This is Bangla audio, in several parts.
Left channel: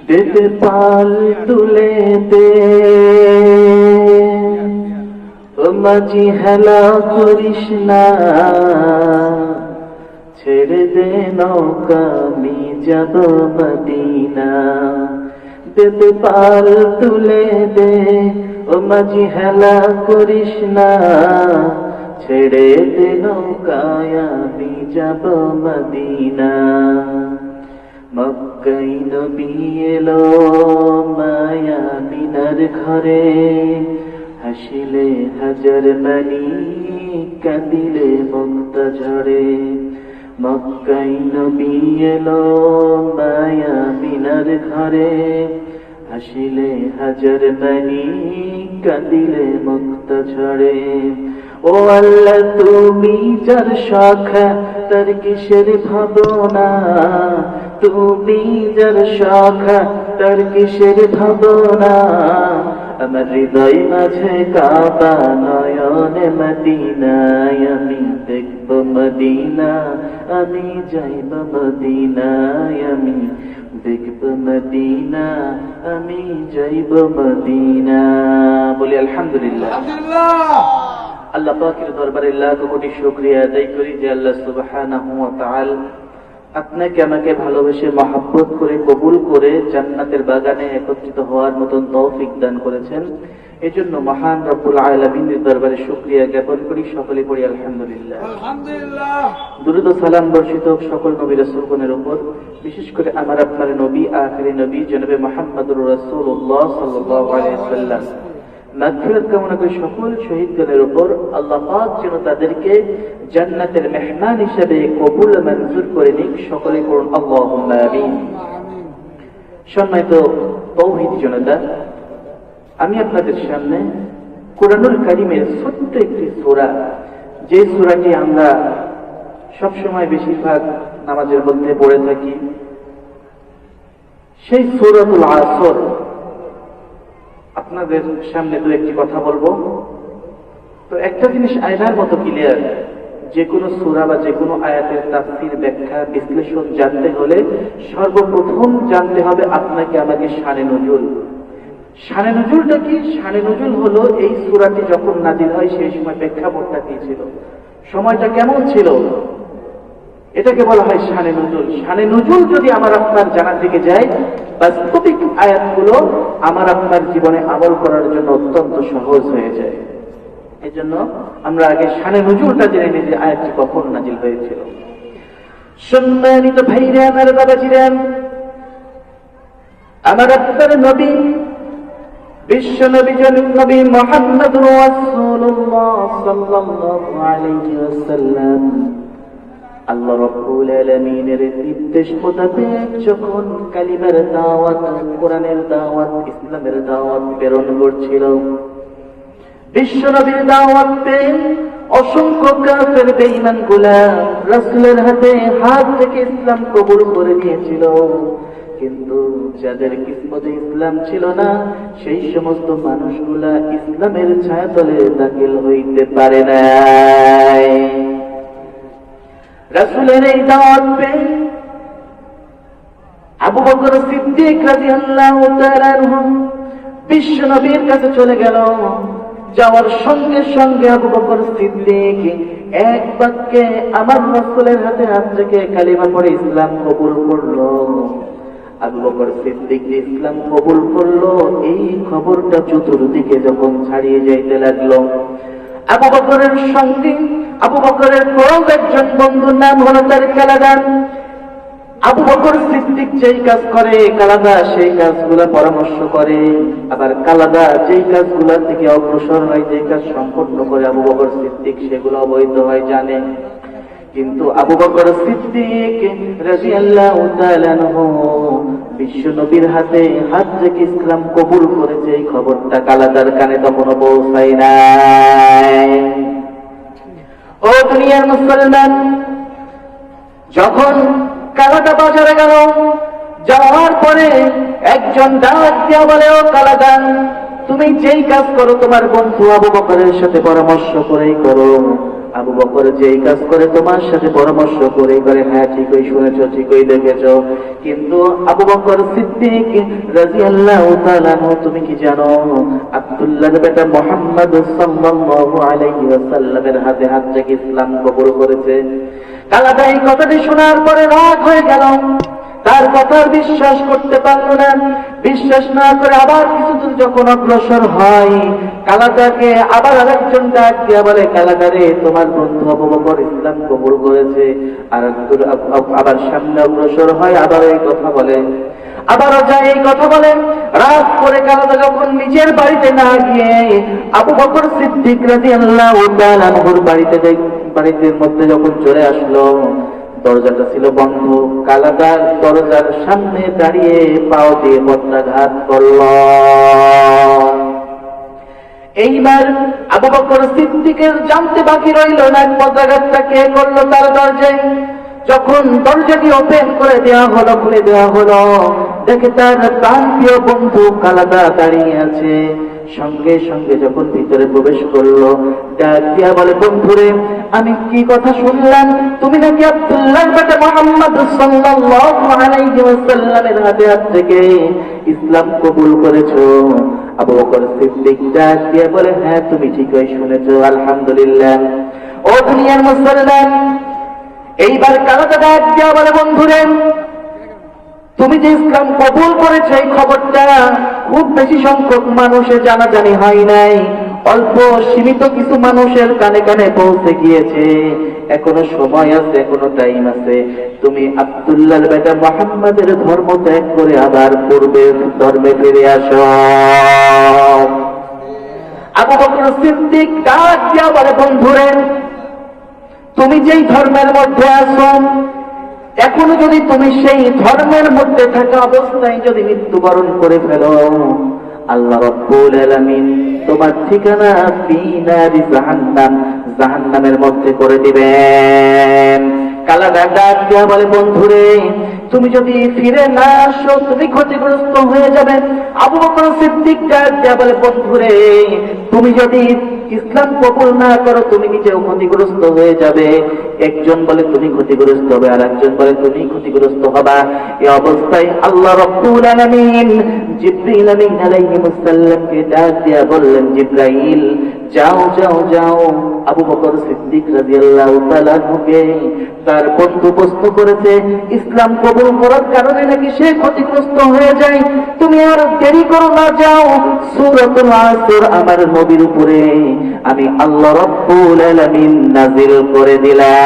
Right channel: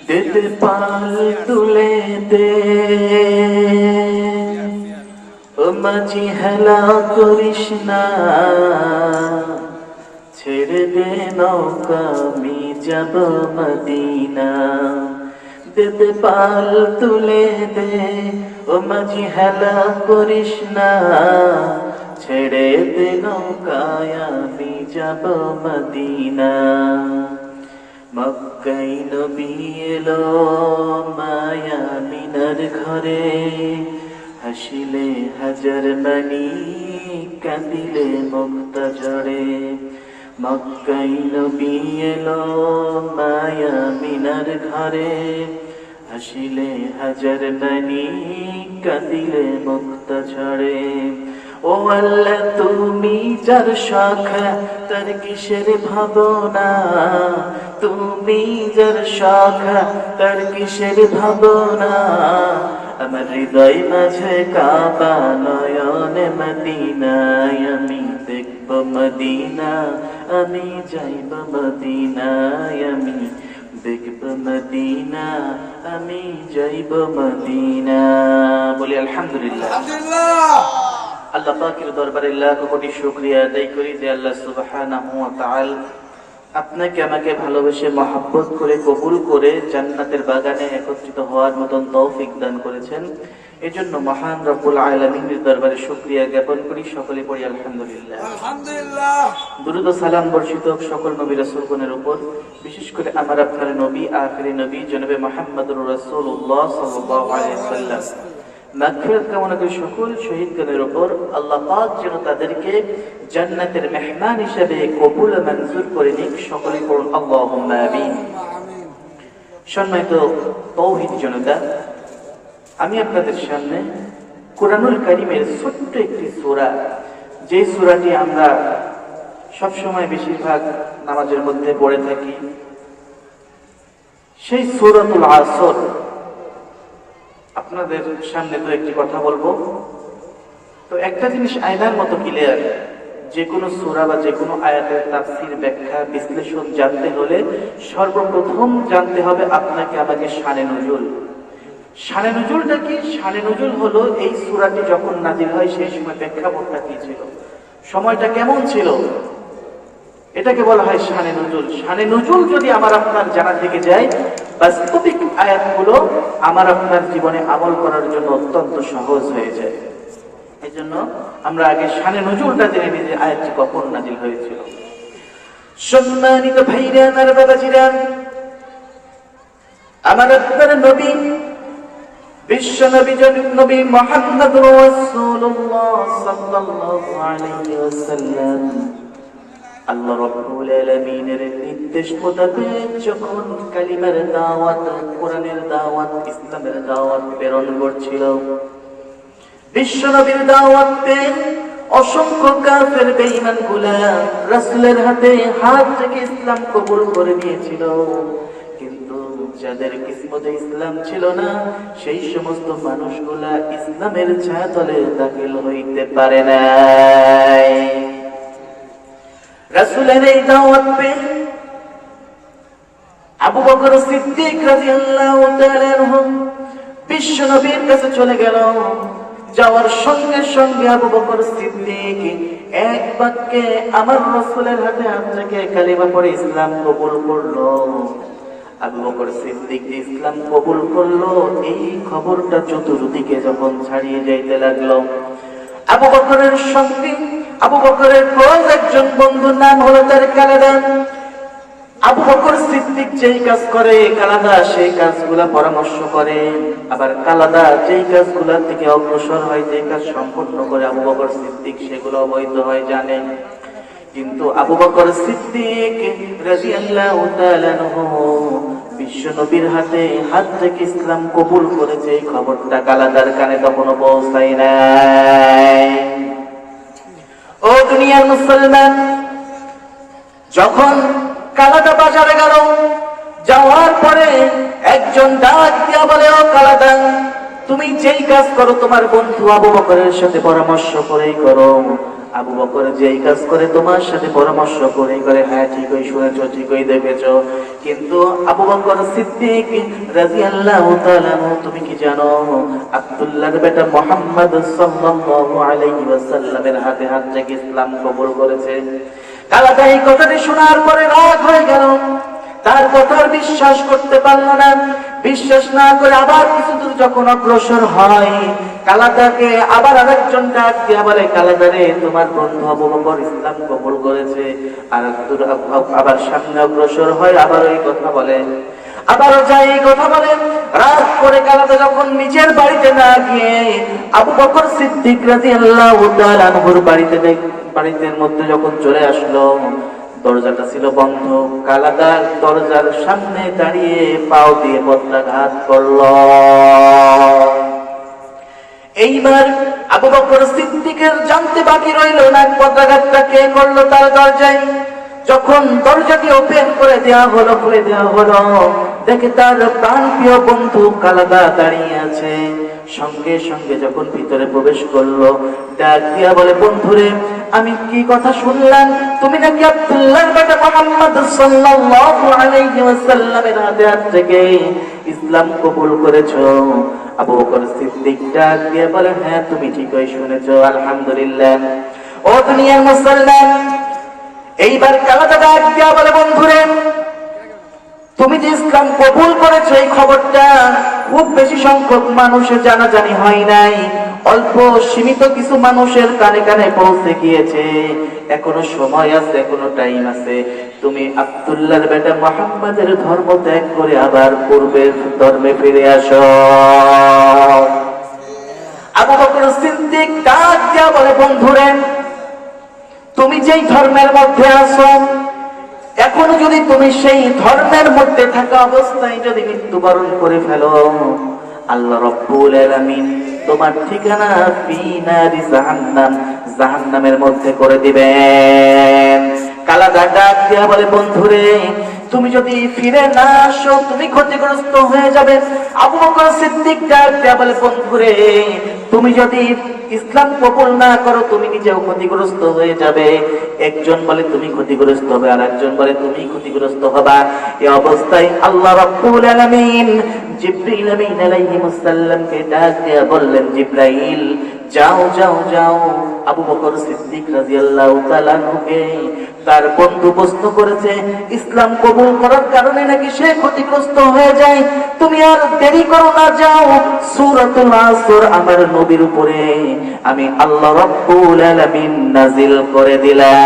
দিতে পাল তুলে দে। মাঝি হেলা করিস না। ছেড়ে দে নৌকা, আমি যাব মদিনা। দিতে পাল তুলে দে, ও মাঝি হেলা করিস না। ছেড়ে দে নৌকায়, আমি যাব মদিনা। মক্কাই নবী এলো মায়া বিনার ঘরে। হাসিলে হাজার বাণী, কাঁদিলে মুক্ত ঝরে মক্কাই নবী এলো মায়া বিনার ঘরে। হাসিলে হাজার বাণী, কাঁদিলে মুক্ত ঝরে ও আল্লাহ, তুমি যার শাখা, তার কিসের ভাবনা? তুমি যার শাখা তার কিসের ভাবনা? আমার হৃদয় মাঝে কাবা নয়নে মদিনায় আমি দেখব মদিনা আমি যাইব মদিনায় আমি দেখব মদিনা আমি যাইব মদিনা। বলি আলহামদুলিল্লাহ। আলহামদুলিল্লাহ। আল্লাহ পাকের দরবারে লাখ কোটি শুকরিয়া আদায় করি যে আল্লাহ সুবহানাহু ওয়া তাআলা আপনাকে আমাকে ভালোবেসে মহাব্বত করে কবুল করে জান্নাতের বাগানে একত্রিত হওয়ার মতন তৌফিক দান করেছেন। এজন্য মহান রব্বুল আলামিনের দরবারে শুকরিয়া জ্ঞাপন করি। সকলে পড়ি আলহামদুলিল্লাহ। আলহামদুলিল্লাহ। দুরুদ সালাম বর্ষিত সকল নবী রাসূলগণের উপর। বিশেষ করে আমার আপনার নবী আখেরি নবী জনাবে মুহাম্মদুর রাসূলুল্লাহ সাল্লাল্লাহু আলাইহি ওয়াসাল্লাম। মাগফিরাত কামনা করি সকল শহীদগণের উপর আল্লাহ পাক যেন তাদেরকে জান্নাতের মেহমান হিসেবে কবুল মঞ্জুর করে নিক সকলে করুন আমিন আমিন। সম্মানিত তৌহিদ জনতা, আমি আপনাদের সামনে কোরআনুল কারিমের ছোট্ট একটি সূরা, যে সূরাটি আমরা সবসময় বেশিরভাগ নামাজের মধ্যে পড়ে থাকি, সেই সূরাতুল আসর আপনাদের সামনে দু একটি কথা বলব। তো একটা জিনিস আয়নার মতো ক্লিয়ার যে কোনো সূরা বা যে কোনো আয়াতের তাফসীর, ব্যাখ্যা, বিশ্লেষণ জানতে হলে সর্বপ্রথম জানতে হবে আপনাকে আমাকে শানে নজুল। শানে নজুলটা কি? সানে নজুল হলো এই সূরাটি যখন নাজিল হয় সেই সময় প্রেক্ষাপটটা কি ছিল? সময়টা কেমন ছিল? এটাকে বলা হয় শানে নজুল। শানে নজুল যদি আমার আপনার জানা থেকে যায়, বাস্তবিক আয়াতগুলো আমার আপনার জীবনে আমল করার জন্য অত্যন্ত সহজ হয়ে যায়। এই জন্য আমরা আগে শানে নজুলটা জেনে নিই যে আয়াতটি কখন নাজিল হয়েছিল। সম্মানিত ভাইরে, আমার বাবাজিরান আমার আপনার নবী, বিশ্ব নবী জনক নবী মোহাম্মদ রাসূলুল্লাহ সাল্লাল্লাহু আলাইহি ওয়াসাল্লাম। আল্লাহ রব্বুল আলামিনের নির্দেশ মোতাবেক যখন কালিমার দাওয়াত, কোরআনের দাওয়াত, ইসলামের দাওয়াত প্রেরণ করছিল বিশ্ব দাওয়াত অসংখ্য কাফের, বেঈমানগুলা রাসূলের হাতে হাত থেকে ইসলাম কবুল করে নিয়েছিল। কিন্তু যাদের কিসমতে ইসলাম ছিল না, সেই সমস্ত মানুষগুলা ইসলামের ছায়াতলে দাখিল হইতে পারে নাই। রাসূলের এই দাওয়াত পেয়ে আবু বকর সিদ্দিক রাদিয়াল্লাহু তাআলা বিশ্ব নবীর কাছে চলে গেল। যাওয়ার সঙ্গে সঙ্গে আবু বকর সিদ্দিক এক বাক্যে আমার রাসূলের হাতে হাত রেখে কালিমা পড়ে ইসলাম কবুল করল। আবু বকর সিদ্দিক যে ইসলাম কবুল করল, এই খবরটা চতুর্দিকে যখন ছাড়িয়ে যাইতে লাগল। আবু বকরের সঙ্গে, আবু বকরের ক্লোজ একজন বন্ধুর নাম হলো তার কালাদান আবু বকর সিদ্দিক যেই কাজ করে, কালাদা সেই কাজগুলো পরামর্শ করে। আবার কালাদা যেই কাজগুলোর থেকে অগ্রসর হয় যে কাজ সম্পূর্ণ করে আবু বকর সিদ্দিক, সেগুলো অবৈধ হয়, জানে। কিন্তু আবু বকর সিদ্দিক তাআলা আনহু বিশ্ব নবীর হাতে হাত থেকে ইসলাম কবুল করেছে, এই খবরটা কালাদার কানে তখনও পৌঁছায় নাই। ও দুনিয়ার মুসলমান, যখন কালাদা বাজারে গেল, যাওয়ার পরে একজন ডাক দিয়া বলে, ও কালাদান তুমি যেই কাজ করো, তোমার বন্ধু আবু বকরের সাথে পরামর্শ করেই করো। আবু বকর যে এই কাজ করে, তোমার সাথে পরামর্শ করে করে হ্যাঁ ঠিকই শুনেছ, ঠিকই দেখেছ। কিন্তু আবু বকর সিদ্দিক তাআলা আনহু, তুমি কি জানো? আব্দুল্লাহর বেটা মোহাম্মদ সাল্লাল্লাহু আলাইহি ওয়াসাল্লামের হাতে হাত থেকে ইসলাম কবুল করেছে। কালাদা এই কথাটি শোনার পরে রাগ হয়ে গেল। তার কথার বিশ্বাস করতে পারল না। বিশ্বাস না করে আবার কিছু দূর যখন অগ্রসর হয়, কালাদাকে আবার আরেকজন ডাক দিয়া বলে কালাদারে তোমার বন্ধু আবু ইসলাম কবুল করেছে। আর দূর আব- আব- আবার সামনে অগ্রসর হয়, আবার এই কথা বলে। আবারও যাই এই কথা বলে। রাত করে কালাদা যখন নিজের বাড়িতে না গিয়ে আবু বকর সিদ্দিক তাআলা আনহুর বাড়িতে বাড়িতে মধ্যে যখন চলে আসলো দরজাটা ছিল বন্ধ। কালাদার দরজার সামনে দাঁড়িয়ে পাও দিয়ে পত্রাঘাত করল। এইবার আবু বকর সিদ্দিকের জানতে বাকি রইল না পত্রাঘাতটা কে করল, তার দরজায় যখন দরজাটি ওপেন করে দেওয়া হলো, খুলে দেওয়া হলো, দেখে তার প্রাণ প্রিয় বন্ধু কালাদা দাঁড়িয়ে আছে। সঙ্গে সঙ্গে যখন ভিতরে প্রবেশ করল, ডাক দিয়া বলে, বন্ধুরে, আমি কি কথা শুনলাম? তুমি নাকি আব্দুল্লাহ বেটা মোহাম্মদ সাল্লাল্লাহু আলাইহি ওয়াসাল্লামের হাতে হাত থেকে ইসলাম কবুল করেছ? আবু বকর সিদ্দিক ডাক দিয়া বলে হ্যাঁ তুমি ঠিকই শুনেছো, আলহামদুলিল্লাহ। ও দুনিয়ার মুসলমান এইবার কালাটা ডাক দিয়া বলে বন্ধুরে, তুমি যে ইসলাম কবুল করেছ, এই খবরটা খুব বেশি সংখ্যক মানুষের জানাজানি হয় নাই। অল্প সীমিত কিছু মানুষের কানে কানে পৌঁছে গিয়েছে। এখনও সময় আছে, এখনও টাইম আছে। তুমি আব্দুল্লাহর বেটা মোহাম্মদের ধর্ম ত্যাগ করে আবার পূর্বের ধর্মে ফিরে আসো। আবু বকর সিদ্দিক ডাক দিয়া বন্ধুরে তুমি যেই ধর্মের মধ্যে আছো, এখন যদি তুমি সেই ধর্মের মধ্যে থাকা অবস্থায় যদি মৃত্যুবরণ করে ফেলো, আল্লাহ রাব্বুল তোমার ঠিকানা জাহান্নামের মধ্যে করে দিবেন। কালাদা ডাক দেয়া বলে, বন্ধুরে, তুমি যদি ফিরে না আসো, তুমি ক্ষতিগ্রস্ত হয়ে যাবে। আবু বকর সিদ্দিক ডাক দেয়া বলে, বন্ধুরে, তুমি যদি ইসলাম কবুল না করো তুমি নিজেও ক্ষতিগ্রস্ত হয়ে যাবে। একজন বলে তুমি ক্ষতিগ্রস্ত হবে আর একজন বলে তুমি ক্ষতিগ্রস্ত হবা। এই অবস্থায় আল্লাহ রাব্বুল আলামিন জিবরিল আমিন আলাইহিস সালামকে ডাক দিয়া বললেন, জিবরাইল, যাও যাও যাও। আবু বকর সিদ্দিক রাদিয়াল্লাহু তাআলা আনহুকে তার বন্ধু প্রশ্ন করেছে, ইসলাম কবুল করার কারণে নাকি সে ক্ষতিগ্রস্ত হয়ে যায়? তুমি আর দেরি করো না, যাও। সূরাতুল আসর আমার নবীর উপরে আমি আল্লাহ রাব্বুল আলামিন নাজিল করে দিলাম।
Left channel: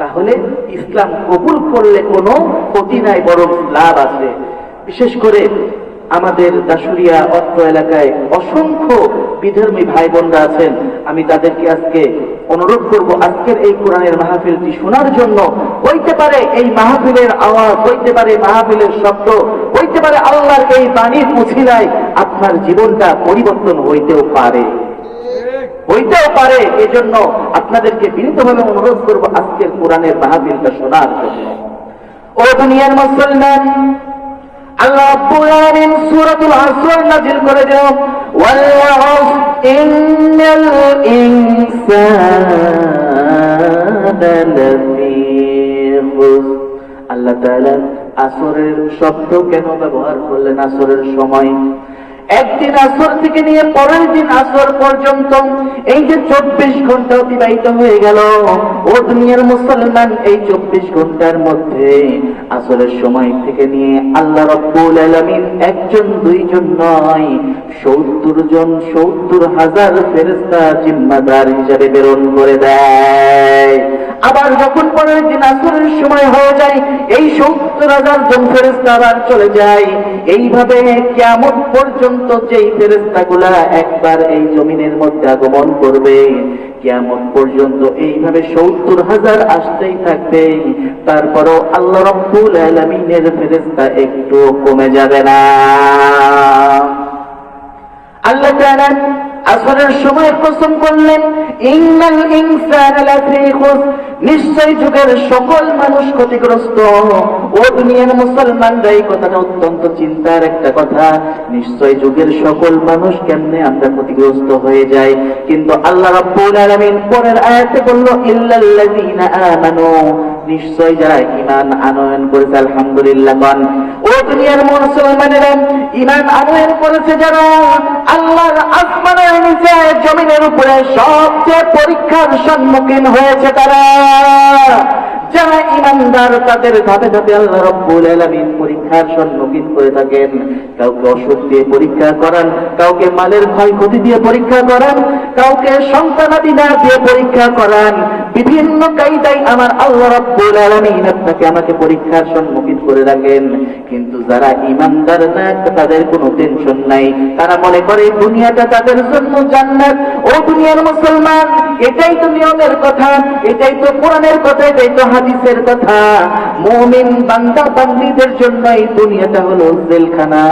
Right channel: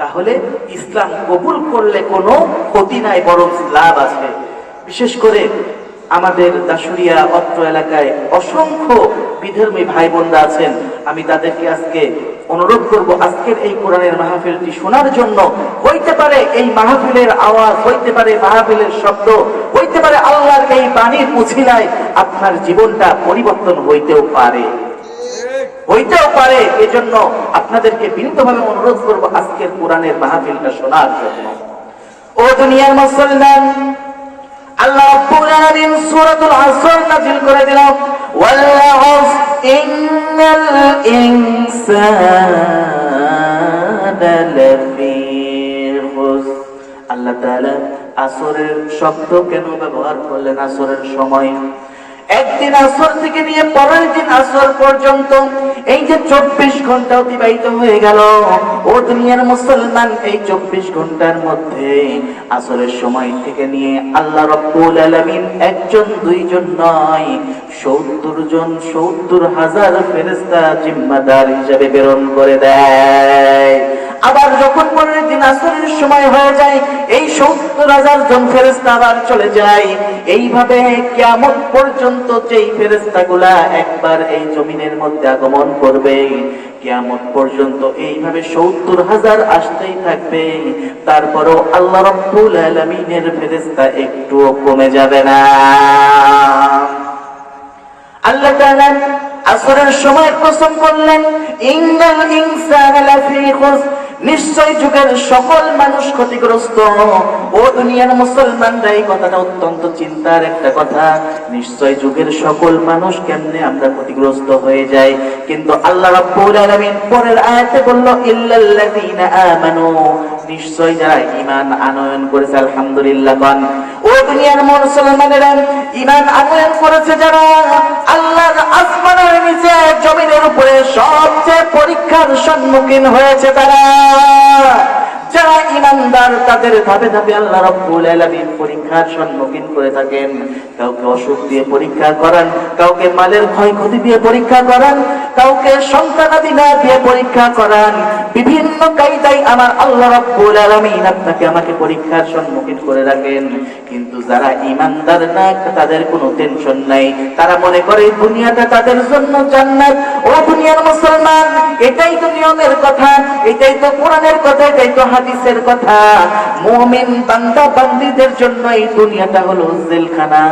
তাহলে ইসলাম কবুল করলে কোনো ক্ষতি নাই, বরং লাভ আছে। বিশেষ করে আমাদের দাসুরিয়া অত্র এলাকায় অসংখ্য বিধর্মী ভাই বোনরা আছেন। আমি তাদেরকে আজকে অনুরোধ করব, আজকের এই কোরআনের মাহফিলটি শোনার জন্য। হইতে পারে এই মাহফিলের আওয়াজ, হইতে পারে মাহফিলের শব্দ, হইতে পারে আল্লাহর এই বাণীর মুছিলায় আপনার জীবনটা পরিবর্তন হইতেও পারে। হইতেও পারে, এজন্য আপনাদেরকে বিনীতভাবে অনুরোধ করব আজকের কোরআনের মাহফিলটা শোনার জন্য। ও দুনিয়ার মুসলমান, আল্লাহ রাব্বুল আলামিন সূরাতুল আসর নাযিল করে দিল ওয়াল ইন্নাল ইনসানা লাফি আল্লাহ তাআলা আসরের শব্দ কেন ব্যবহার করলেন আসরের সময়? একদিন আসর থেকে নিয়ে পরের দিন আসর পর্যন্ত এই যে চব্বিশ ঘণ্টা অতিবাহিত হয়ে গেল, ও দুনিয়ার মুসলমান এই চব্বিশ ঘণ্টার মধ্যে আসরের সময় থেকে নিয়ে আল্লাহ রব্বুল আলামিন একজন, দুইজন নয়, সত্তর জন, সত্তর হাজার ফেরেস্তা জিম্মাদার হিসাবে প্রেরণ করে দেয়। আবার যখন পনেরো দিন আসরের সময় হয়ে যায়, এই সত্তর হাজার জন ফেরেস্তা আবার চলে যায়। এইভাবে কেমন পর্যন্ত যেই ফেরেস্তা গুলা একবার এই জমিনের মধ্যে আগমন করবে কেমন পর্যন্ত এইভাবে সত্তর হাজার আসতেই থাকবে। তারপরও আল্লাহ রব্বুল আলমিনের ফেরেস্তা একটু কমে যাবে না। আল্লাহ তাআলা আসরের সময় কসম করলেন, ইন্নাল ইনসানা লাফী খুসর। নিশ্চয় যুগের সকল মানুষ ক্ষতিগ্রস্ত। ও দুনিয়ার মুসলমানরা এই কথাটা অত্যন্ত চিন্তার একটা কথা। নিশ্চয় যুগের সকল মানুষ কেমনে আমরা ক্ষতিগ্রস্ত হয়ে যাই। কিন্তু আল্লাহ রাব্বুল আলামিন পরের আয়াতে বলল, ইল্লাল্লাযীনা আমানু। নিশ্চয় যারা ঈমান আনয়ন করেছে, আলহামদুলিল্লাহ গান ও দুনিয়ার মুসলমানেরা ঈমান আনয়ন করেছে যারা, আল্লাহর আসমানের নিচে, জমিনের উপরে সবচেয়ে পরীক্ষার সম্মুখীন হয়েছে তারা। যারা ইমানদার, তাদের ধাপে ধাপে আল্লাহ রব্বুল আলামিন পরীক্ষার সম্মুখীন করে থাকেন। কাউকে অসুখ দিয়ে পরীক্ষা করান, কাউকে মালের ক্ষয়ক্ষতি দিয়ে পরীক্ষা করান, কাউকে সন্তানাদি না দিয়ে পরীক্ষা করান বিভিন্ন কায়দায় আমার আল্লাহ রাব্বুল আলামিন আপনাকে আমাকে পরীক্ষার সম্মুখীন করে রাখেন। কিন্তু যারা ইমানদার না, তাদের কোনো টেনশন নাই। তারা মনে করে দুনিয়াটা তাদের জন্য জান্নাত। ও দুনিয়ার মুসলমান, এটাই তো নিয়মের কথা, এটাই তো কোরআনের কথা, এটাই তো হাদিসের কথা। মুমিন বান্দা বান্দীদের জন্য এই দুনিয়াটা হলো জেলখানা।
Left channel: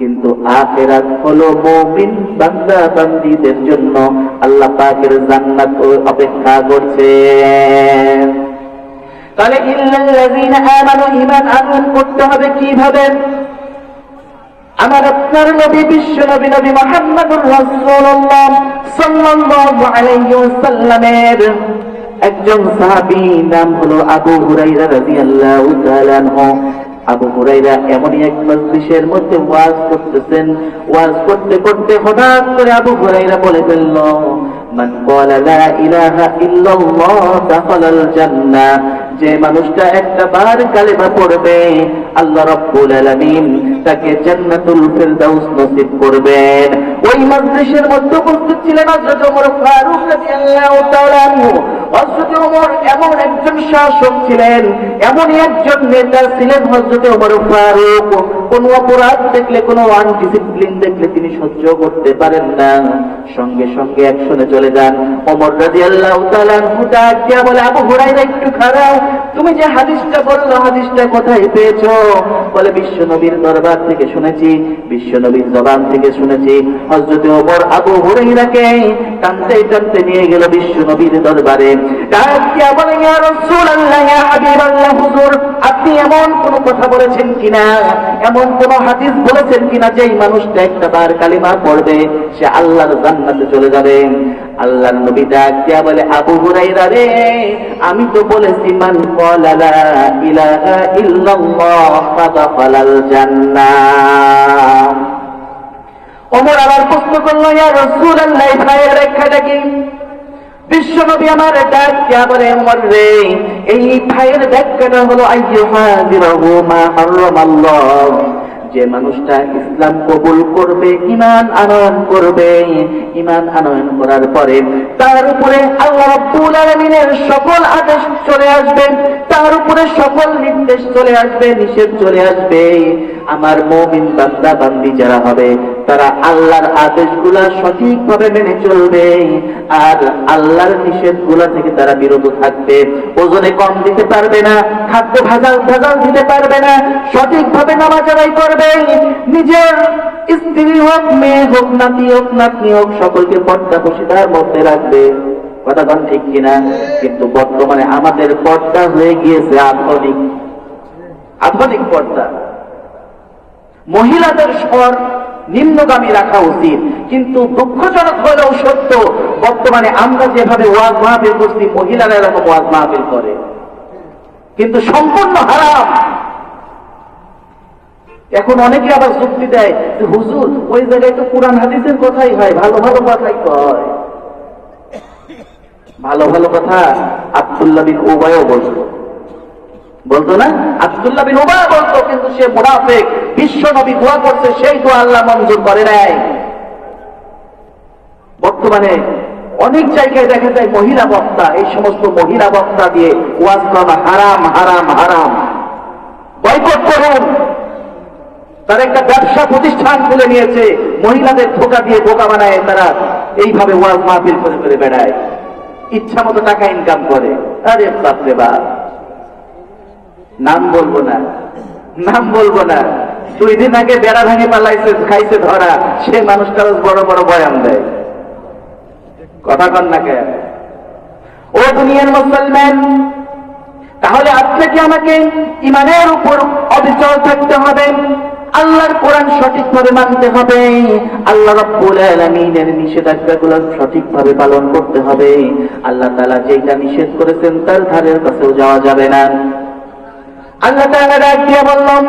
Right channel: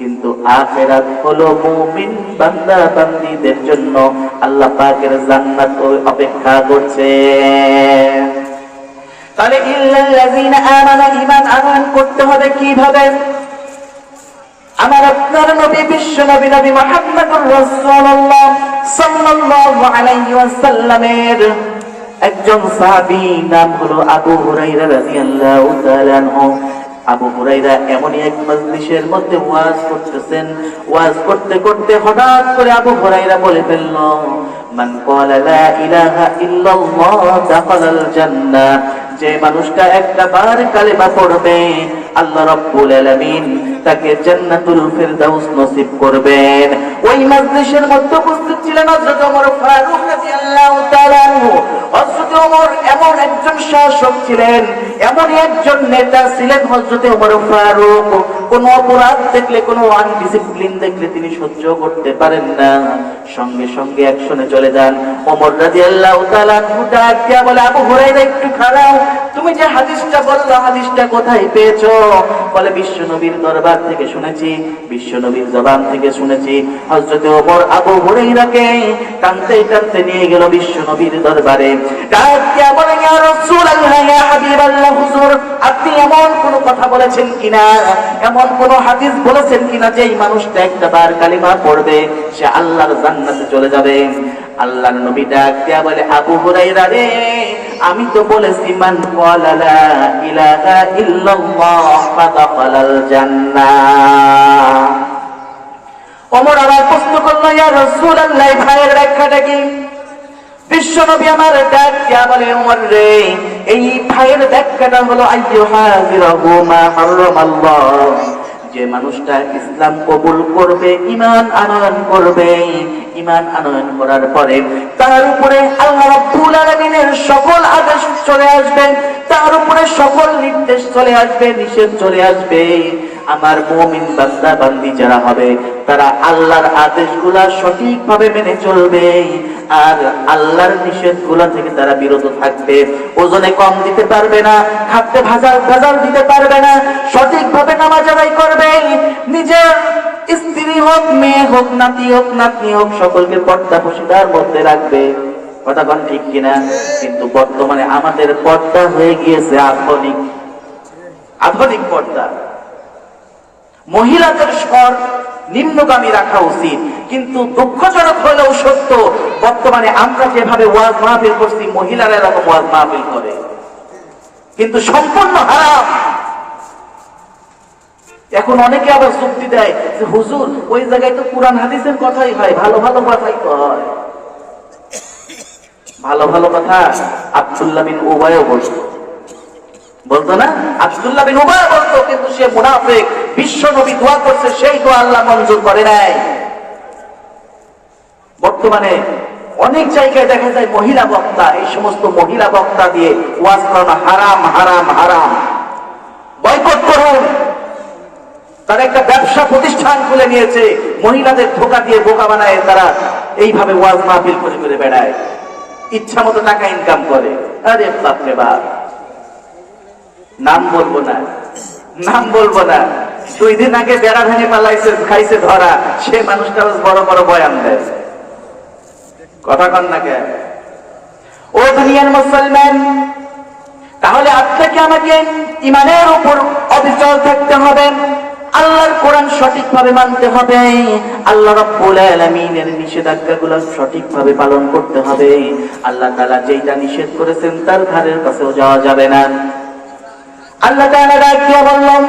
কিন্তু আখেরাত হলো মুমিন বান্দা বান্দীদের জন্য। আল্লাহ পাকের জান্নাত অপেক্ষা করছে। তাহলে ইল্লাল্লাযীনা আমানু, ঈমান করতে হবে কীভাবে? আমার আপনার নবী, বিশ্ব নবী নবী মুহাম্মদুর রাসূলুল্লাহ সাল্লাল্লাহু আলাইহি ওয়াসাল্লামের একজন সাহাবী, নাম হলো আবু হুরাইরা রাদিয়াল্লাহু তাআলা আনহু। আবু হুরাইরা এমনই এক মজলিসের মধ্যে ওয়াজ করতেছেন। ওয়াজ করতে করতে হঠাৎ করে আবু হুরাইরা বলে ফেলল, মান ক্বালা লা ইলাহা ইল্লাল্লাহ দাখালাল জান্নাহ। যে মানুষটা একটা বার কালেমা পড়বে, আল্লাহ রাব্বুল আলামিন তাকে জান্নাতুল ফিরদাউস নসিব করবেন। ওই মজলিসের মধ্যে উপস্থিত ছিলেন হযরত ওমর ফারুক রাদিয়াল্লাহু তাআলা হযরত ওমর এমন একজন শাসক ছিলেন, এমনই একজন নেতা ছিলেন হযরত ওমর ফারুক। অপরাধ দেখলে দেখলে তিনি সহ্য করতে পারেন না। সঙ্গে সঙ্গে অ্যাকশনে চলে যান। ওমর রাদিয়াল্লাহু তাআলা আনহু বলে, আবু হুরায়রা, একটু খারাপ তুমি যে হাদিসটা বলল, হাদিসটা কোথায় পেয়েছ? বলে, বিশ্ব নবীর দরবার থেকে শুনেছি, বিশ্ব নবীর জবান থেকে শুনেছি, হযরত ওমর আবু হুরায়রাকে টানতে টানতে নিয়ে গেল বিশ্ব নবীর দরবারে। ডাক দিয়া বলে, ইয়া রাসূলুল্লাহ, ইয়া হাবিবাল্লাহ, হুজুর, আপনি এমন কোন কথা বলেছেন কিনা? এমন কোন হাদিস বলেছেন কিনা যে এই মানুষটা একটা বার কালিমা পড়বে, সে আল্লাহর জান্নাতে চলে যাবে? আল্লাহর নবী ডাক দিয়া বলে, আবু হুরায়রা রে, আমি তো বলেছি, মান ক্বালা লা ইলাহা ইল্লাল্লাহ ফাদাখালাল জান্নাহ। ওমর আবার প্রশ্ন করল, ইয়া রাসূলুল্লাহ, ভাইয়ের ব্যাখ্যাটা কি? বিশ্বনবী আমার ডাক দিয়া বলে, ওমর রে, এই ভাইয়ের ব্যাখ্যাটা হলো, আইয়ুহাজিরাহু মা হারামাল্লাহ যে মানুষটা ইসলাম কবুল করবে ইমান আনয়ন করবে ইমান আনয়ন করার পরে তার উপরে আল্লাহ সকল আদেশ চলে আসবে, তার উপরে সকল নির্দেশ চলে আসবে, নিষেধ চলে আসবে। আমার মুমিন বান্দা বান্দি যারা হবে, তারা আল্লাহর আদেশগুলা সঠিকভাবে মেনে চলবে। আর আল্লাহর নিষেধগুলা থেকে তারা বিরত থাকবে। ওজনে কম দিতে পারবে না, খাদ্যে ভাজাল ভাজাল দিতে পারবে না, সঠিকভাবে নামাজ আদায় করবে। নিজের স্ত্রী হোক, মেয়ে হোক, নাতি হোক, নাতনি হোক, সকলকে পর্দা বসিদার মধ্যে রাখবে। কথা কন ঠিক কিনা? কিন্তু বর্তমানে আমাদের পর্দা হয়ে গিয়েছে আধুনিক আধুনিক পর্দা। মহিলাদের স্বর নিম্নগামী রাখা উচিত। কিন্তু দুঃখজনক হলেও সত্য, বর্তমানে আমরা যেভাবে ওয়াজ মাহফিল করছি, মহিলারা এরকম ওয়াজ মাহফিল করে। কিন্তু সম্পূর্ণ হারাম। এখন অনেকে আবার যুক্তি দেয় যে, হুজুর, ওই জায়গায় তো কোরআন, হাদিসের কথাই হয়, ভালো ভালো কথাই তো হয়। ভালো ভালো কথা আব্দুল্লাহ বিন উবায়ও বলতো। বলতো না? আব্দুল্লাহ বিন উবায় বলতো, কিন্তু সে মুনাফিক। বিশ্ব দোয়া করছে, সেই দোয়া আল্লাহ মঞ্জুর করে নাই। বর্তমানে অনেক জায়গায় দেখা যায় মহিলা বক্তা, এই সমস্ত মহিলা বক্তা দিয়ে ওয়াজ করা হারাম হারাম হারাম। বয়কট করুন। তারা একটা ব্যবসা প্রতিষ্ঠান খুলে নিয়েছে, মহিলাদের ধোকা দিয়ে বোকা বানায়, তারা এইভাবে ওয়াজ মাহফিল করে করে বেড়ায়। ইচ্ছা মতো টাকা ইনকাম করে। আরে বাপরে বাপ। নাম বলব না। নাম বলব না। দুই দিন আগে বেড়া ভেঙে পালাইছে, খাইছে ধরা। সে মানুষটা বড় বড় বয়ান দেয়। কথা কন না কে ও দুনিয়ার মুসলমান, তাহলে আপনাকে আমাকে ইমানের উপর অবিচল থাকতে হবে? আল্লাহর কোরআন সঠিকভাবে মানতে হবে। আল্লাহ রাব্বুল আলামিনের নিষেধাজ্ঞাগুলো সঠিকভাবে পালন করতে হবে। আল্লাহ তাআলা যেটা নিষেধ করেছেন তার ধারের কাছেও যাওয়া যাবে না। আল্লাহ তাআলা বললাম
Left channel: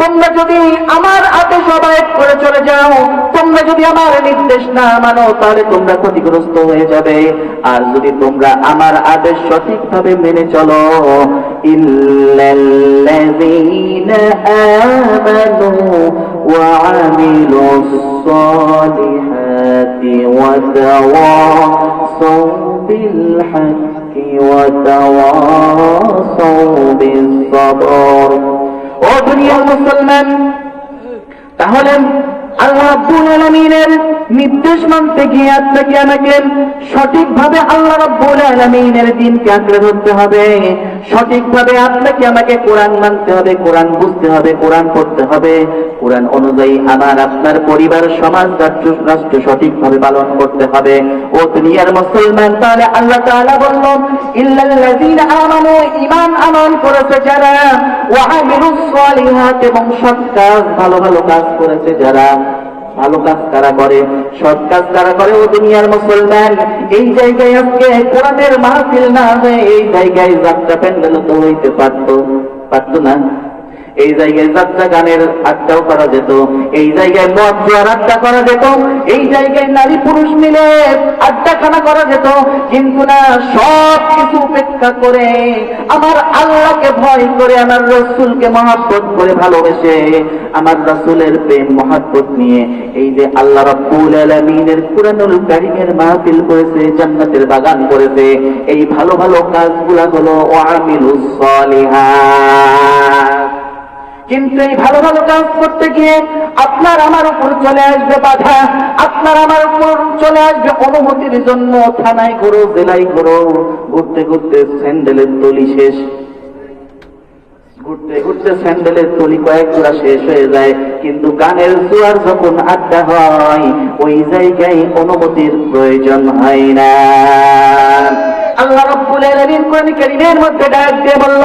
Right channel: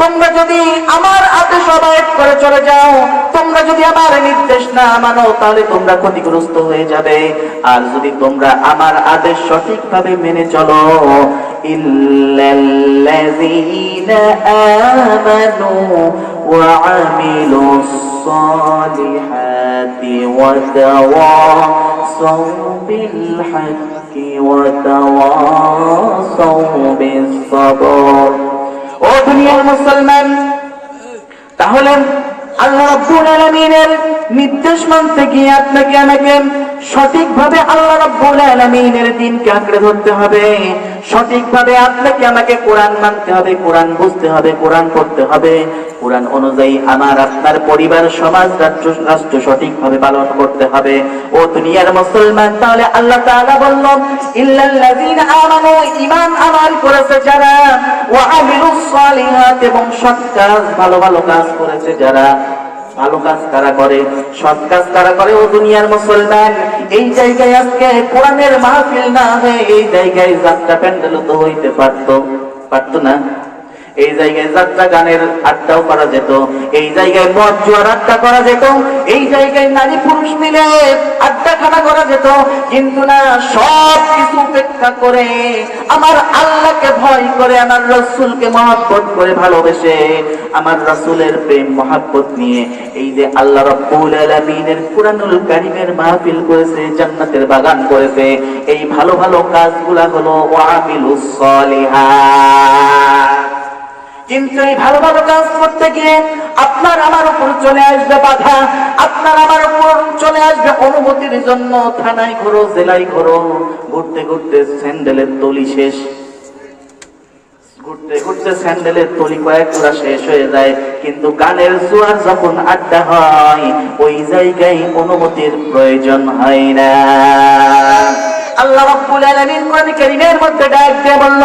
তোমরা যদি আমার আদেশ অবায়ত করে চলে যাও, তোমরা যদি আমার নির্দেশ না মানো, তাহলে তোমরা ক্ষতিগ্রস্ত হয়ে যাবে। আর যদি তোমরা আমার আদেশ সঠিকভাবে মেনে চলো মুসলমান, তাহলে আল্লাহ আব্দুল আলামিনের নির্দেশ মানতে গিয়ে আপনাকে আমাকে সঠিকভাবে আল্লাহ রাব্বুল আলমিনের দিনকে আঁকড়ে ধরতে হবে। সঠিকভাবে আপনাকে আমাকে কোরআন মানতে হবে, কোরআন বুঝতে হবে, কোরআন পড়তে হবে। কোরআন অনুযায়ী আমার, আপনার পরিবার, সমাজ, রাষ্ট্র রাষ্ট্র সঠিকভাবে পালন করতে হবে। ও দুনিয়ার মুসলমান, তাহলে আল্লাহ তাআলা বলল আমানু, ঈমান আমল করেছে যারা, ওয়া আমিলুস সালিহাত এবং সৎ কাজ, ভালো ভালো কাজ করেছে যারা। ভালো কাজ তারা করে, সৎ কাজ তারা করে ও দুনিয়ার মুসলমান। এই জায়গায় আজকে কোরআনের মাহফিল না হয়ে এই জায়গায় যাত্রা প্যান্ডেল তো হইতে পারতো পারতো না। এই জায়গায় যাত্রা গানের আড্ডাও করা যেত, এই জায়গায় মদ জোয়ার আড্ডা করা যেত, এই জায়গায় নারী পুরুষ মিলে আড্ডা খানা করা যেত, কিন্তু না, সব কিছু উপেক্ষা করে আমার আল্লাহকে ভয় করে, আমার রসুলকে মহাব্বত করে ভালোবেসে আমার রসুলের প্রেম, মহাব্বত নিয়ে এই যে আল্লাহ রাব্বুল আলামিনের কুরআনুল কারীমের মাহফিল করেছে, জান্নাতের বাগান করেছে, এই ভালো ভালো কাজগুলা হলো ওয়ামিলুস সালিহাত। কিন্তু এই ভালো ভালো কাজ করতে গিয়ে আপনার আমার উপর চলে আসবে বাধা, আপনার আমার উপর চলে আসবে অনুমতির জন্য থানায় ঘুরো, জেলায় ঘুরো। ঘুরতে ঘুরতে স্যান্ডেলের তলি শেষ। ঘুরতে ঘুরতে স্যান্ডেলের তলি কয়েক শেষ হয়ে যায়, কিন্তু গানের জোয়ার যখন আড্ডা হয়, ওই জায়গায় অনুমতির প্রয়োজন হয় না। আল্লাহ রাব্বুল আলামিন কোরআন মধ্যে ডাক দিয়ে বলল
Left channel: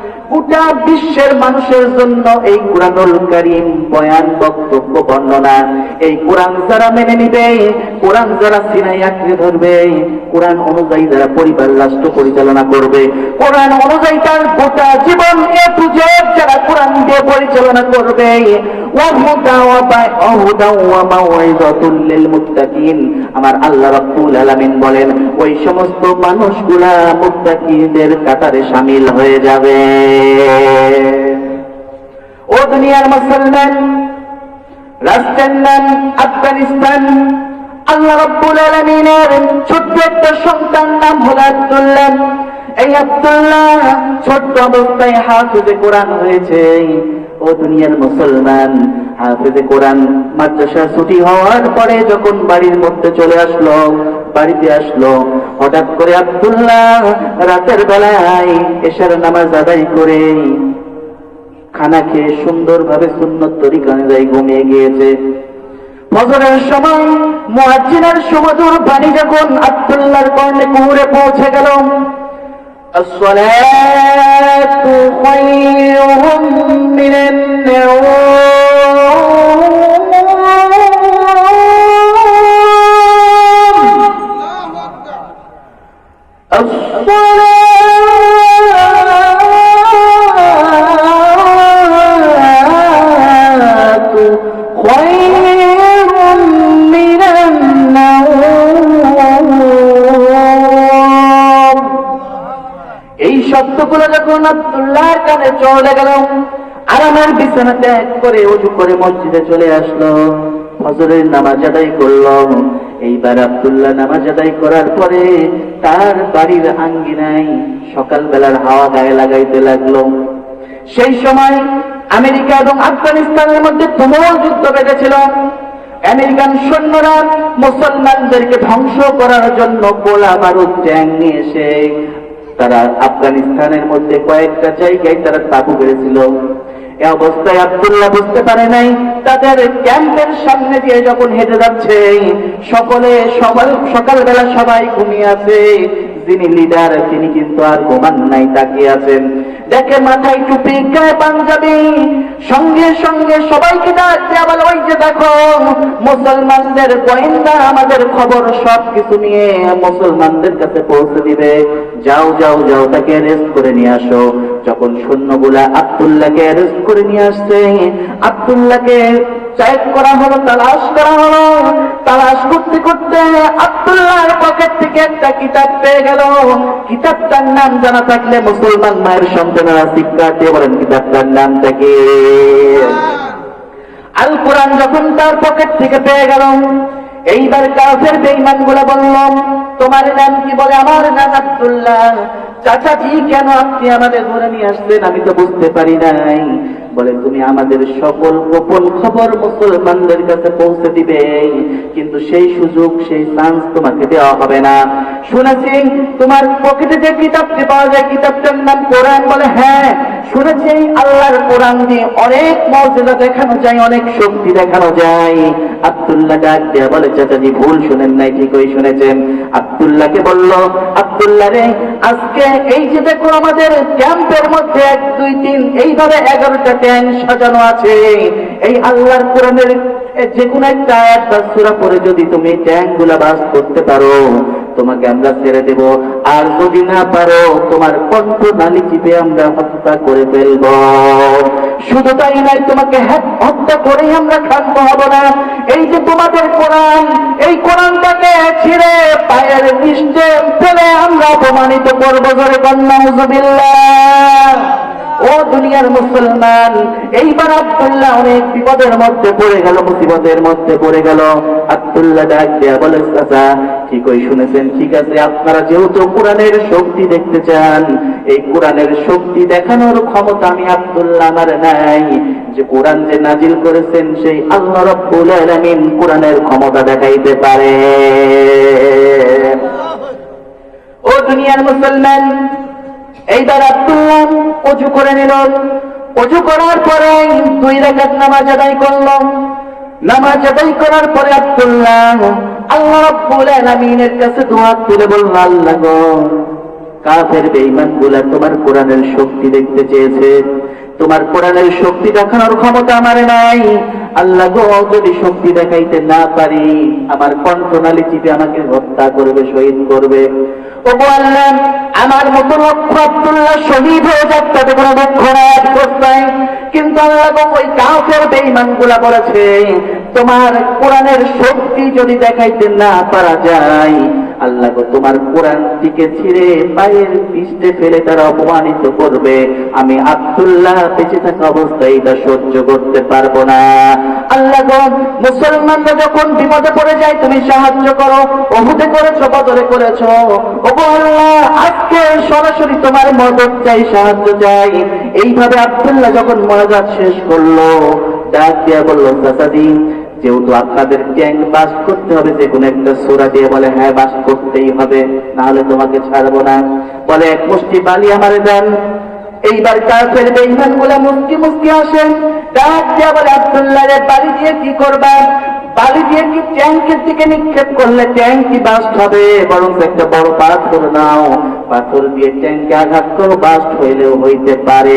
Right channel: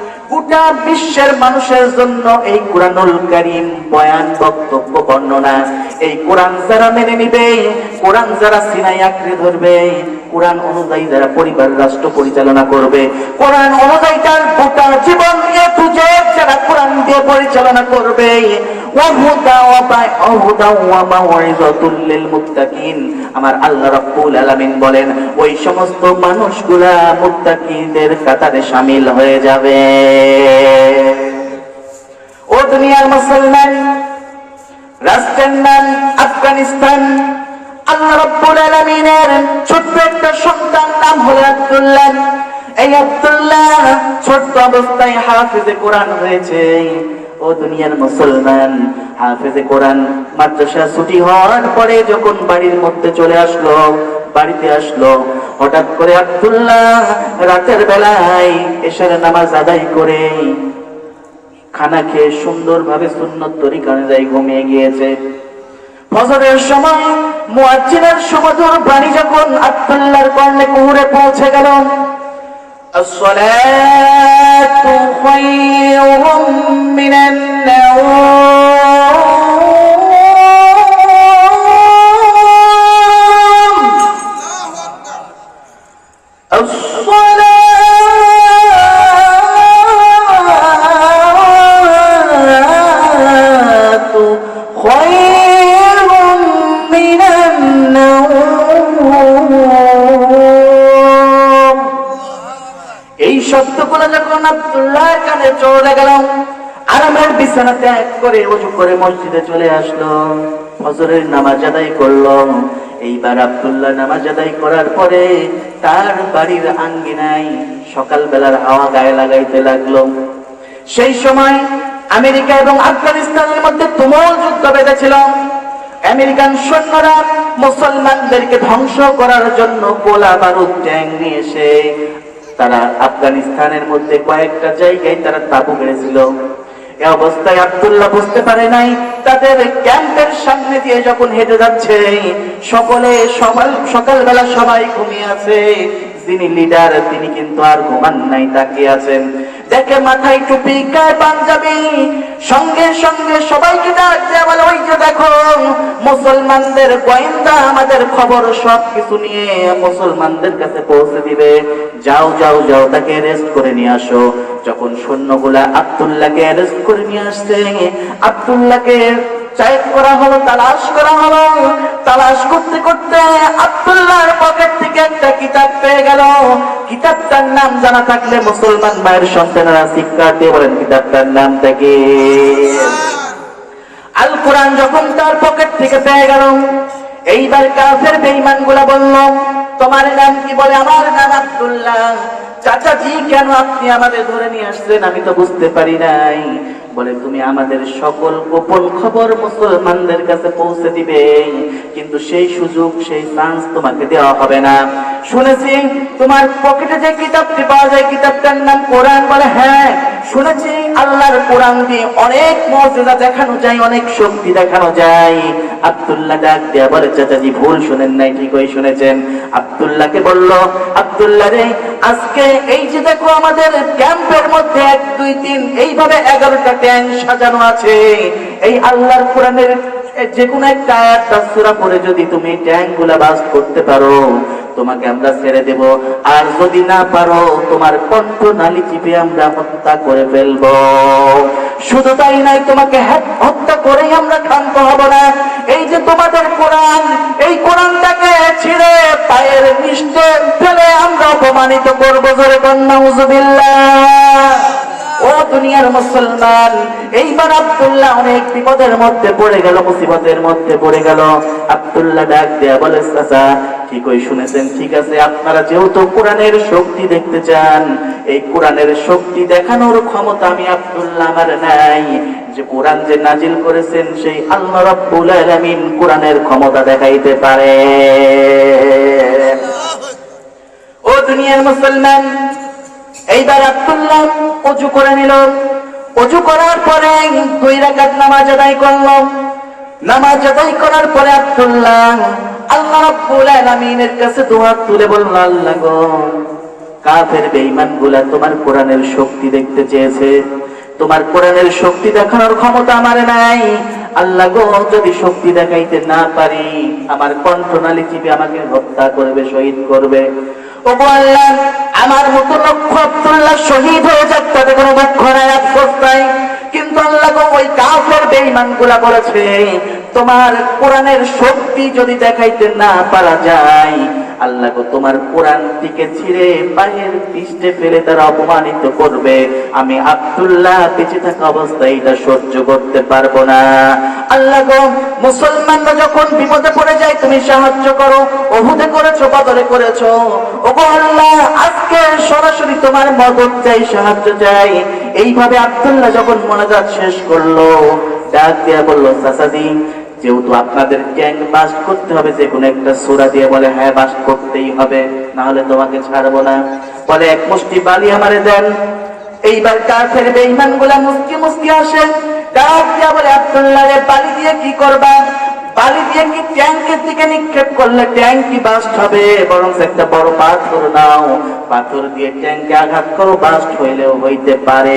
গোটা বিশ্বের মানুষের জন্য এই কোরআনুল করিম বয়ান, বক্তব্য, বর্ণনা, এই কোরআন যারা মেনে নিবে, কোরআন যারা সিনাই আঁকড়ে ধরবে, কোরআন অনুযায়ী যারা পরিবার রাষ্ট্র পরিচালনা করবে, কোরআন অনুযায়ী তার গোটা জীবন এ যারা কোরআন দিয়ে পরিচালনা করবে ওয়া মাওয়াইযাতুল লিল মুত্তাকিন আমার আল্লাহ রাব্বুল আলামিন বলেন, ওই সমস্ত মানুষগুলা মুত্তাকিদের কাতারে শামিল হয়ে যাবে। ও দুনিয়ার মুসলমান, রাষ্ট্রের নাম আফগানিস্তান, আল্লাহ রাব্বুল আলামিনের ছোট্ট একটা সন্তান নাম হলো আব্দুল্লাহ। এই আব্দুল্লাহ ছোট্ট অবস্থায় হাফিজে কোরআন হয়েছে। ও দুনিয়ার মুসলমান। হাফিজে কোরআন মাদ্রাসা ছুটি হওয়ার পরে যখন বাড়ির মধ্যে চলে আসলো, বাড়িতে আসলো, হঠাৎ করে আব্দুল্লাহ রাতের বেলায় এশার নামাজ আদায় করে খানা খেয়ে সুন্দরভাবে সুন্নত তরিকা অনুযায়ী ঘুমিয়ে গিয়েছে। ফজরের সময় মুয়াজ্জিনের সুমধুর বাণী যখন আব্দুল্লাহর কর্ণে কুহুরে পৌঁছে গেল الصلاة خير من النوم. আব্দুল্লাহর চলে গেল। আর আমার বিছানা ত্যাগ করে উজু করে মসজিদে চলে আসলো। ফজরের নামাজ আদায় করল। এইবার আব্দুল্লাহ নামাজ আদায় করার পরে তার বাড়ির আঙ্গিনায় সকালবেলার হাওয়া গায়ে লাগাইতে লাগল। সেই সময় আমেরিকা এবং আফগানিস্তানের মধ্যে তুমুল যুদ্ধ বেঁধেছিল। আমেরিকান সৈন্যরা মুসলমানদেরকে ধ্বংস করার জন্য গোলা বারুদ ট্যাং নিয়ে এসে তারা আফগানিস্তানের মধ্যে কয়েকটা জায়গায় তারা তাবু গেড়েছিল। এ অবস্থায় আব্দুল্লাহ বুঝতে পারে নাই, তাদের ক্যাম্পের সামনে দিয়ে যখন হেঁটে যাচ্ছে, সকলে সকাল, সকালবেলা সবাই ঘুমিয়ে আছে। যিনি লিডার তিনি কিন্তু আর ঘুমান নাই, তাকিয়ে আছেন। দেখে মাথায় টুপি গায়ে পাঞ্জাবি? সঙ্গে সঙ্গে সবাইকে ডাক দিয়ে বলে, ওই যে দেখো, মুসলমানদের গোয়েন্দা আমাদের খবর সব কিছু নিয়ে মুসলমানদের কাছে পৌঁছে দিবে। যাও যাও যাও, তাকে অ্যারেস্ট করে নিয়ে আসো। যখন সৈন্যগুলা আব্দুল্লাহকে অ্যারেস্ট করে নিয়ে আসছে, আব্দুল্লাহকে চাইট করা হলো, তালাশ করা হলো। তালাশ করতে করতে পকেট থেকে একটা কিতাব পেয়ে গেল। কিতাবটার নাম জানা থাকলে মুসলমান মায়ের সন্তানেরা শিক্ষা দিয়ে বলেন, কিতাবটার নামটা কি আল কোরআন যখন তার পকেট থেকে পেয়ে গেল, এইবার কাফের বেইমানগুলা বলল, তোমার নাম কি বলে? আমার নাম আব্দুল্লাহ। চাচাজি, কেন আপনি আমাদের ধরে নিয়ে আসলেন আমি তো বুঝতে পারি নাই। বলে, তুমি আমাদের সকল গোপন খবর মুসলমানদের কাছে পৌঁছে দিবে। কিন্তু সেই সুযোগ, সেই চান্স তোমাকে দেওয়া হবে না। শুনেছি, তোমার পকেটে যে কিতাবটি পাওয়া যায়, কিতাবটার নাম কোরআন বলে। হ্যাঁ শুনেছি, আল্লাহর কোরআন দিয়ে অনেক মর্যাদা দেখানো যায়, অনেক শক্তি দেখানো যায়। আব্দুল্লাহ ডাক দেয়া বলে, চাচাজি, ভুল শুনেন নাই, ঠিকই শুনেছেন। আব্দুল্লাহকে বলল, আব্দুল্লাহ রে, আজকে এই যে দেখো আমাদের ক্যাম্পের মধ্যে এক, দুই, তিন, এইভাবে এগারোটা ট্যাঙ্ক সাজানো আছে। এই আল্লাহর কোরআনের যে কোনো একটা যদি তুমি ট্যাঙ্কগুলা বাস করতে পারো, তোমাকে আমরা ছেড়ে দেব। আর যদি না পারো, তোমার কণ্ঠ নালি চিপে আমরা হত্যা করে ফেলব। শুধু তাই নয়, তোমাকে হত্যা করেই আমরা ক্ষান্ত হব না। এই যে তোমাদের কোরআন, এই কোরআনটাকে ছিঁড়ে পায়ের নিষ্টে ফেলে আমরা অপমানিত করব। ধরে কন্যা ও দুনিয়ার মুসলমান, এইবার আব্দুল্লাহ অনেক বিপদের মধ্যে পড়ে গেল, মুসিবতের মধ্যে পড়ে গেল। আব্দুল্লাহ ডাক দেয়া বলে, চাচা, ঠিকই শুনেছেন, ঠিক আছে, আপনারা যেহেতু কোরআনের শক্তি দেখতে চান, এই কোরআনের শক্তি দেখানোর ক্ষমতা আমি আব্দুল্লাহ আমার নাই। যে কোরআন যে নাজিল করেছেন, সেই আল্লাহ রাব্বুল আলামিন কোরআনের ক্ষমতা দেখাইতে পারে। ও দুনিয়ার মুসলমান এইবার আব্দুল্লাহ অজু করে নিল অজু করার পরে দুই রাকাত নামাজ আদায় করলাম। নামাজ আদায় করার পরে আব্দুল্লাহ আল্লাহ রাব্বুল আলামিনের কাছে দোয়া তুলে বলল আল্লাহ কাফের বেইমানগুলা তোমার কোরআনের শক্তি দেখতে চেয়েছে। তোমার কোরআনের শক্তি দেখানোর ক্ষমতা আমার নাই। আল্লাহ যদি শক্তি দেখাইতে না পারি, আমার কণ্ঠনালী চিপে আমাকে হত্যা করবে, শহীদ করবে। তোমার কোরআনের শক্তি যদি দেখাইতে না পারা যায় আল্লাহ গো তোমার কোরআন দিকে ছিঁড়ে পায়ের পৃষ্ঠে ফেলে তারা অপমানিত করবে। আমি আব্দুল্লাহ বেঁচে থাকা অবস্থায় এটা সহ্য করতে পারব না। আল্লাহ মুসলমানরা যখন বিপদে পড়ে যায়, তুমি সাহায্য করো। ওহুদে করেছ বাজারে করেছ। ওগো আল্লাহ, আজকে সরাসরি তোমার মদত চাই, সাহায্য চাই। এইভাবে আব্দুল্লাহ যখন মনাজাত শেষ করল, ডাক দিয়া বলল, চাচাজি যেহেতু আপনাদের ট্যাঙ্ক বাস করতে হবে, যে কোনো একটা সোরা দিয়ে বলে হ্যাঁ বাস করতেই হবে না হলে তোমাকে ছাড়বো না। বলে, এক মুষ্টি বালি আমারে দেন। এইবার কাফের বেঈমানগুলা মুস্কি মুস্কি আসেন ডাক দিয়া বলে, আব্দুল্লাহ বালি দিয়ে কি করবা? বালি দিয়ে কি ট্যাঙ্কের দিকে নিক্ষেপ করলে ট্যাঙ্ক কি বাস্ট হবে? বরং একটা বড় পাথর নাও। পাথর দিয়ে ট্যাঙ্কে আঘাত করো, বাস্ট হইলেও হইতে পারে।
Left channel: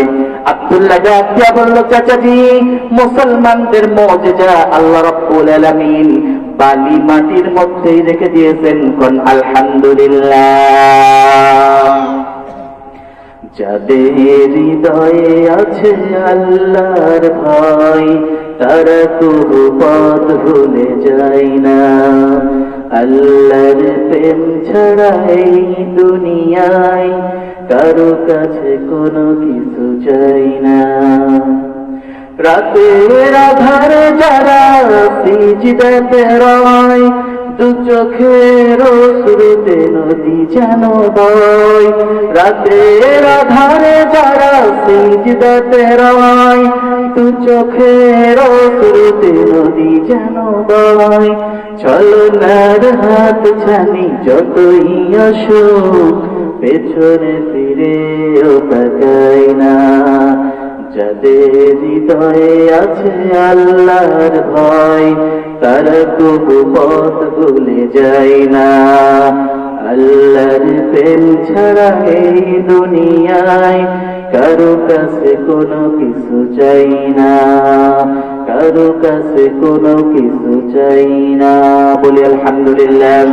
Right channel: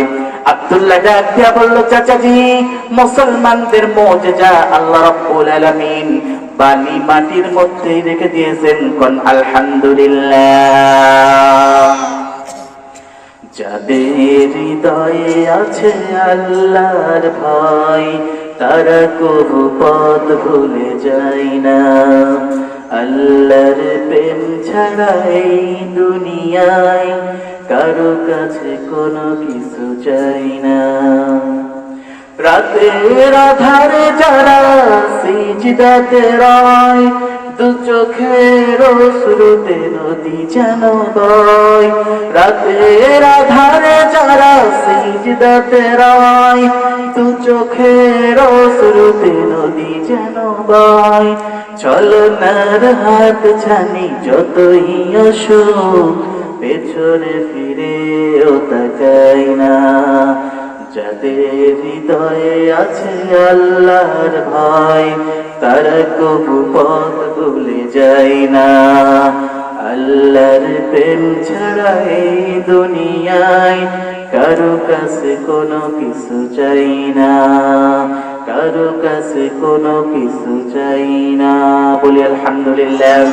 আব্দুল্লাহ বলল, চাচাজি, মুসলমানদের মজেজা আল্লাহ রাব্বুল আলামিন বালি মাটির মধ্যেই রেখে দিয়েছেন। কোন আলহামদুলিল্লাহ। যাদের হৃদয়ে আছে আল্লাহর ভয় তারা কোনো পথ ভুলে যায় না। আল্লাহর প্রেম ছাড়া এই দুনিয়ায় কারও কাছে কোনো কিছু চাই না। রাতের আধার যারা সিজদাতে রয় দু চোখের শুরুতে নদী যেন বয়। রাতের আধারে যারা সিজদাতে রয় দু চোখের শুরুতে নদী যেন বয়। চলো নার হাত ছানি, যতই অসুখ, পেছনে ফিরে ও তাকাই না। যাদের হৃদয়ে আছে আল্লাহর ভয়, তারা কবু পথ ভুলে যায় না। আল্লাহর প্রেম ছাড়া এই দুনিয়ায় কারও কাছে কোনো কিছু চাই না। কারও কাছে কোনো কিছু চাই না। বলি আলহামদুলিল্লাহ।